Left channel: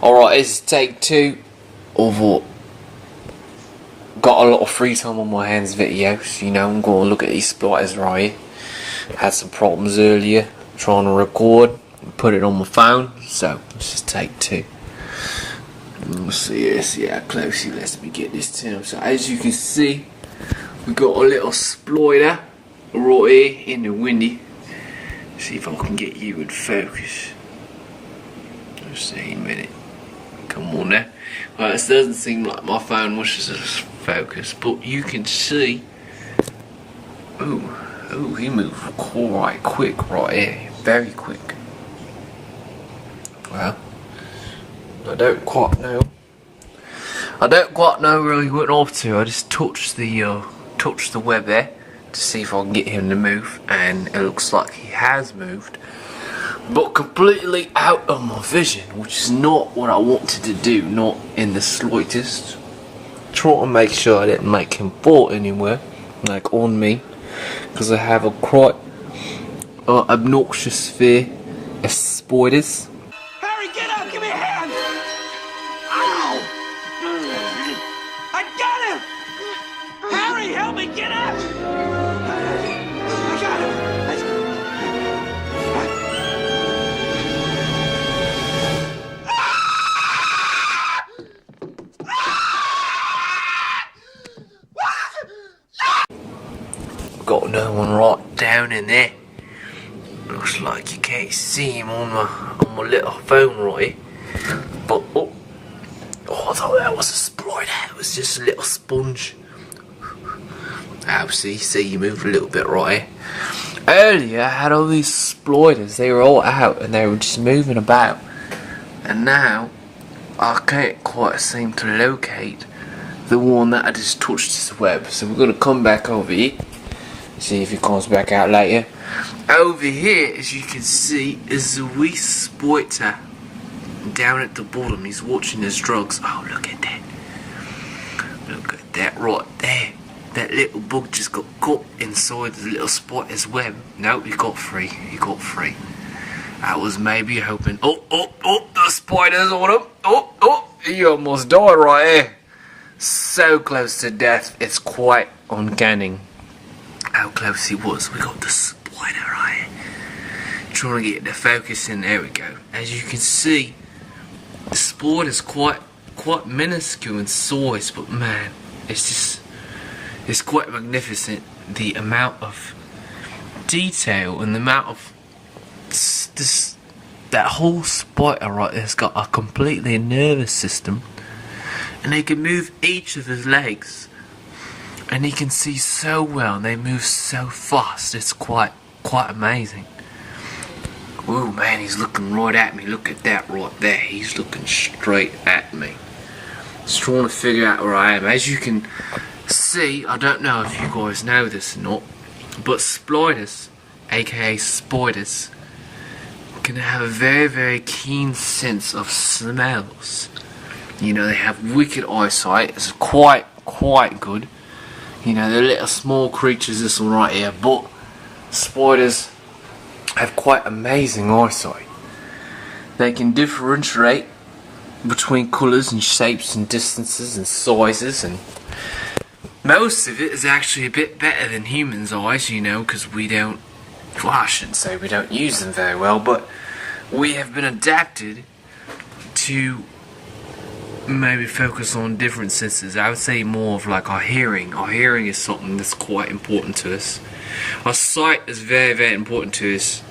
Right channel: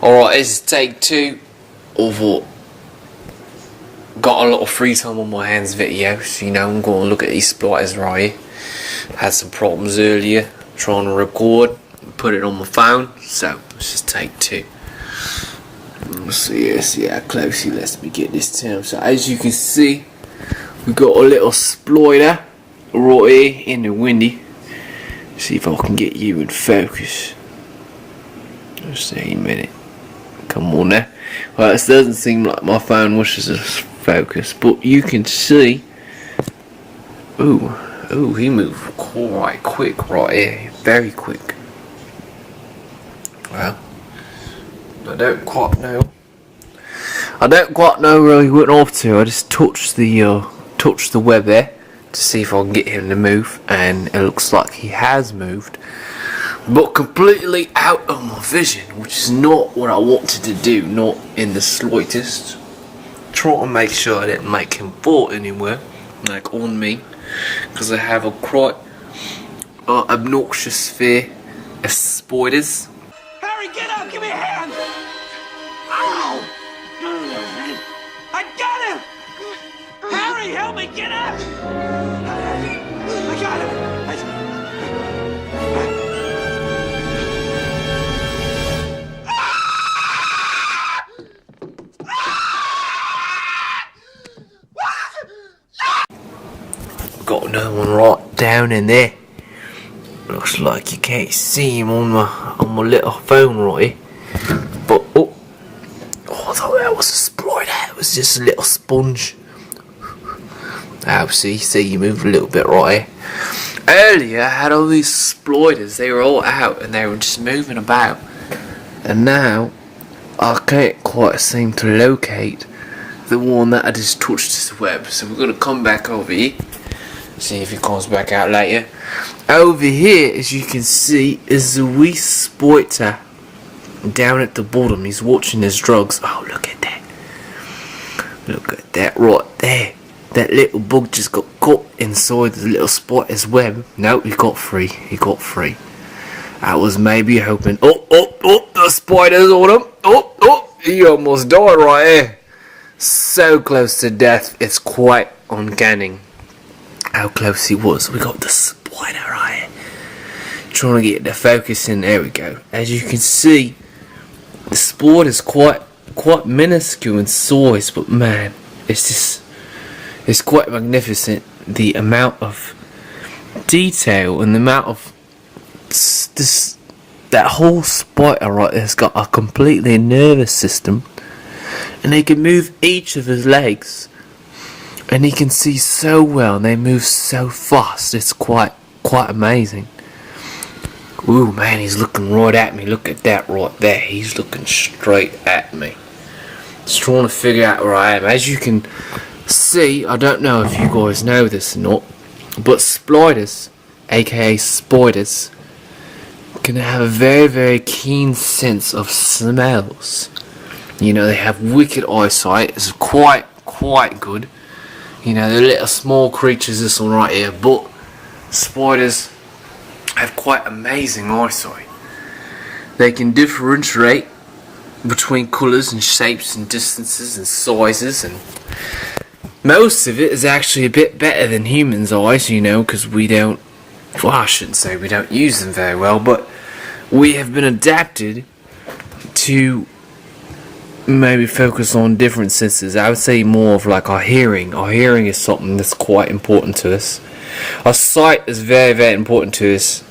Alright, this is take 2 of what got a lot of free time on my hands videos. You know, I'm going to look at these spiders right here. Had some problems earlier trying to record, put it on my phone, so let's just take 2. Let's see how close he lets me get this down. So as you can see, we got a little splida right here in the windy. See if I can get you in focus. Let's see a minute. Come on now. Well, this doesn't seem like my phone wishes to focus, but you can see. Ooh, he moved quite quick right here. Very quick. Well, I don't quite know where he went off to. I just touched the web there to see if I can get him to move, and it looks like he has moved, but completely out of my vision, which is not what I wanted to do, not in the slightest. Trying to make sure I didn't make him fall anywhere, like on me, because I have a quite obnoxious fear of spiders. Harry, get up! Give me a hand! Ow! I got him! Harry, help me get up! I got him! Got another one right down in there. Looks like you can't see him on my little phone right here. But oh, I thought that was a splida. It was just a little sponge. See you move a little bit right here. Earlier I had all these splidas. They were all out and they were just moving about. And now I can't quite seem to locate the one that I just touched this web. So we're gonna come back over here. See if he comes back out later. Over here, as you can see, is the wee spider down at the bottom. He's watching his drugs. Oh, look at that. Look at that right there. That little bug just got caught inside the little spider's web. No, he got free. He got free. I was maybe hoping. Oh, the spider's on him. Oh, he almost died right here. So close to death, it's quite uncanny how close he was. We got the spider right here. Trying to get the focus in. There we go. As you can see, the spider is quite minuscule in size, but man, it's quite magnificent. The amount of detail and the amount of that whole spider right there has got a completely nervous system, and they can move each of his legs. And he can see so well, and they move so fast. It's quite amazing. Ooh, man, he's looking right at me. Look at that right there. He's looking straight at me. He's trying to figure out where I am. As you can see, I don't know if you guys know this or not, but spiders, aka spiders, can have a very, very keen sense of smells. You know, they have wicked eyesight. It's quite good. You know, they're little small creatures, this one right here, but spiders have quite amazing eyesight. They can differentiate between colours and shapes and distances and sizes, and most of it is actually a bit better than humans' eyes, you know, because we don't, well, I shouldn't say we don't use them very well, but we have been adapted to maybe focus on different senses. I would say more of like our hearing. Our hearing is something that's quite important to us. Our sight is very, very important to us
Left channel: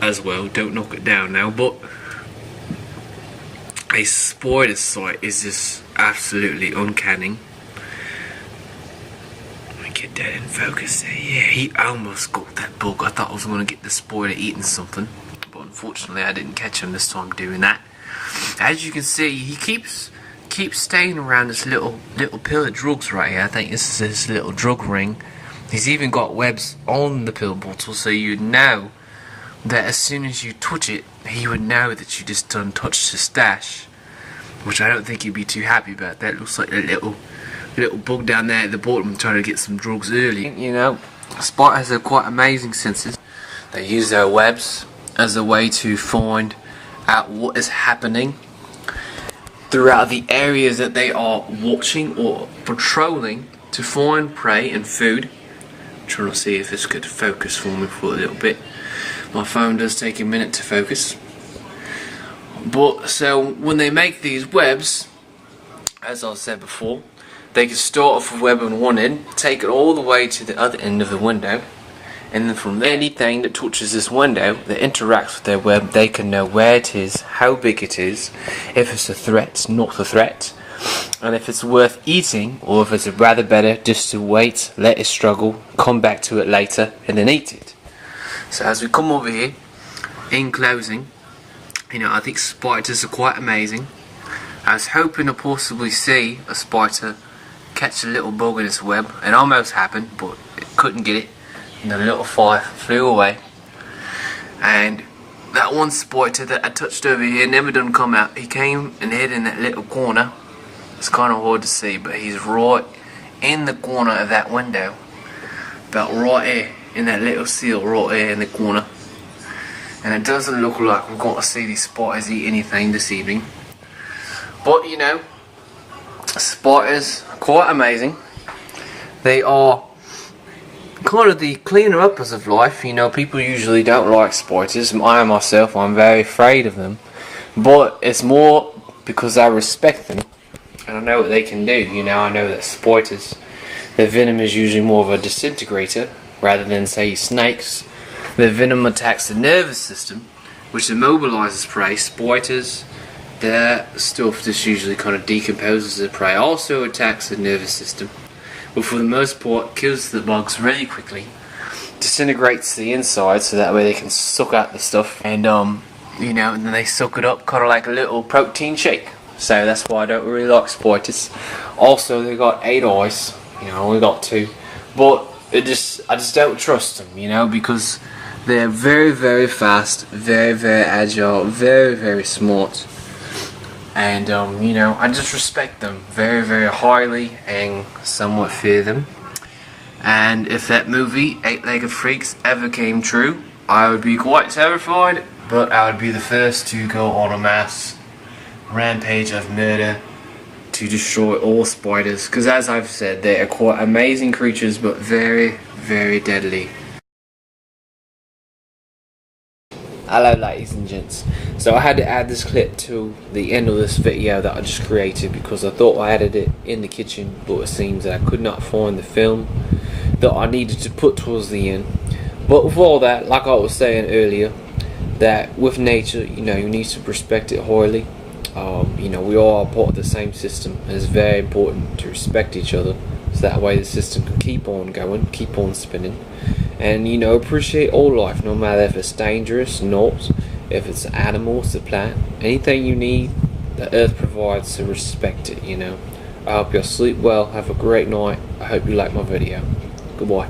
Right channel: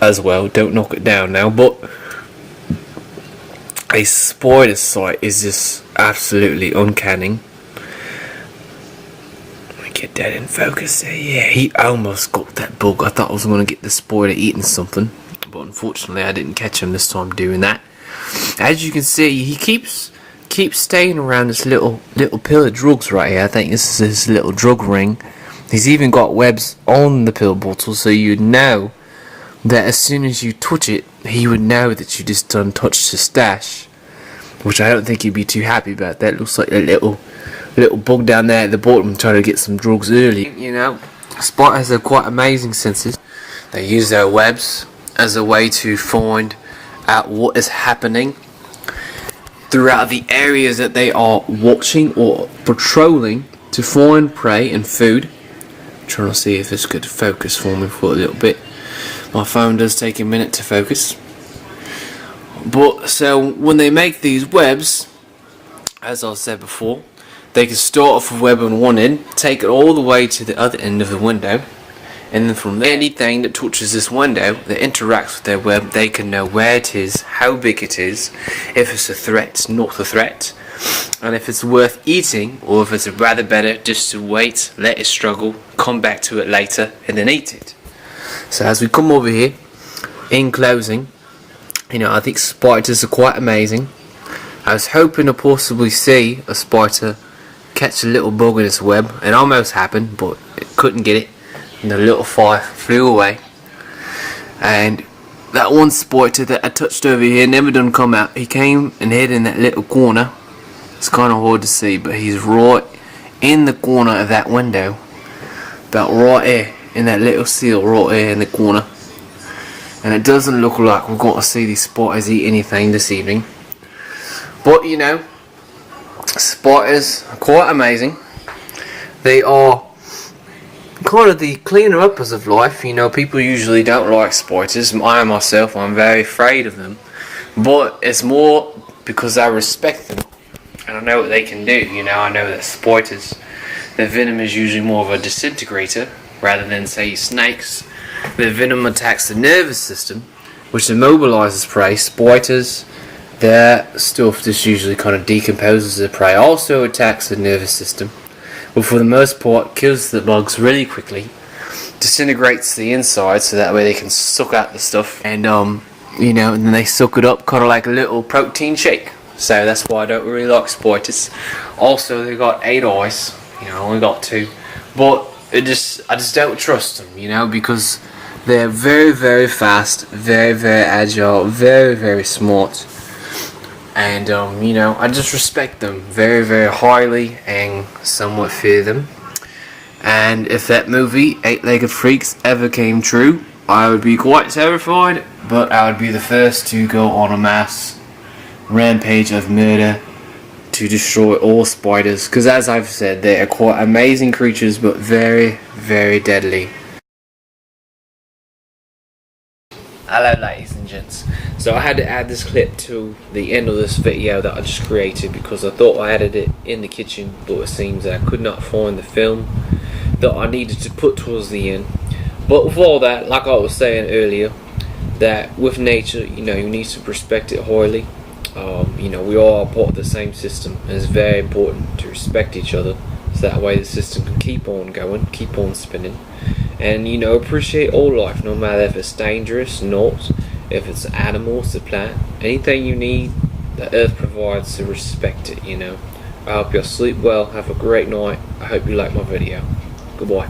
as well. Don't knock it down now, but a spider's sight is just absolutely uncanny. Let me get that in focus there. Yeah, he almost got that bug. I thought I was going to get the spider eating something, but unfortunately I didn't catch him this time doing that. As you can see, he keeps staying around this little pill of drugs right here. I think this is his little drug ring. He's even got webs on the pill bottle, so you'd know that as soon as you touch it, he would know that you just done touched his stash, which I don't think he'd be too happy about. That looks like a little bug down there at the bottom trying to get some drugs early. You know, spiders have quite amazing senses. They use their webs as a way to find out what is happening. throughout the areas that they are watching or patrolling to find prey and food. I'm trying to see if this could focus for me for a little bit. My phone does take a minute to focus. But so when they make these webs, as I said before, they can start off a web on one end, take it all the way to the other end of the window, and then from there, anything that touches this window that interacts with their web, they can know where it is, how big it is, if it's a threat, not a threat, and if it's worth eating, or if it's rather better just to wait, let it struggle, come back to it later, and then eat it. So as we come over here, in closing, you know, I think spiders are quite amazing. I was hoping to possibly see a spider catch a little bug in its web. It almost happened, but it couldn't get it, and the little fly flew away. And that one spider that I touched over here never done come out. He came and hid in that little corner. It's kind of hard to see, but he's right in the corner of that window. That right here, in that little seal right here in the corner. And it doesn't look like we're going to see these spiders eat anything this evening. But you know, spiders are quite amazing. They are kind of the cleaner uppers of life. You know, people usually don't like spiders. I myself, I'm very afraid of them. But it's more because I respect them. And I know what they can do. You know, I know that spiders, their venom is usually more of a disintegrator rather than, say, snakes. Their venom attacks the nervous system, which immobilizes prey. Spiders, their stuff just usually kind of decomposes the prey. Also attacks the nervous system, but for the most part kills the bugs really quickly, disintegrates the inside so that way they can suck out the stuff, and you know, and then they suck it up kind of like a little protein shake. So that's why I don't really like spiders. Also, they got 8 eyes. You know, I only got 2, but I just don't trust them. You know, because they're very, very fast, very, very agile, very, very smart. And, you know, I just respect them very, very highly and somewhat fear them. And if that movie, 8-Legged Freaks, ever came true, I would be quite terrified, but I would be the first to go on a mass rampage of murder to destroy all spiders. Because as I've said, they are quite amazing creatures, but very, very deadly. Hello ladies and gents. So I had to add this clip to the end of this video that I just created because I thought I added it in the kitchen, but it seems that I could not find the film that I needed to put towards the end. But with all that, like I was saying earlier, that with nature, you know, you need to respect it highly. You know, we all are part of the same system, and it's very important to respect each other, so that way the system can keep on going, keep on spinning. And, you know, appreciate all life, no matter if it's dangerous, not, if it's an animal, it's a plant, anything you need, the earth provides, so respect it, you know. I hope you'll sleep well, have a great night, I hope you like my video. Goodbye.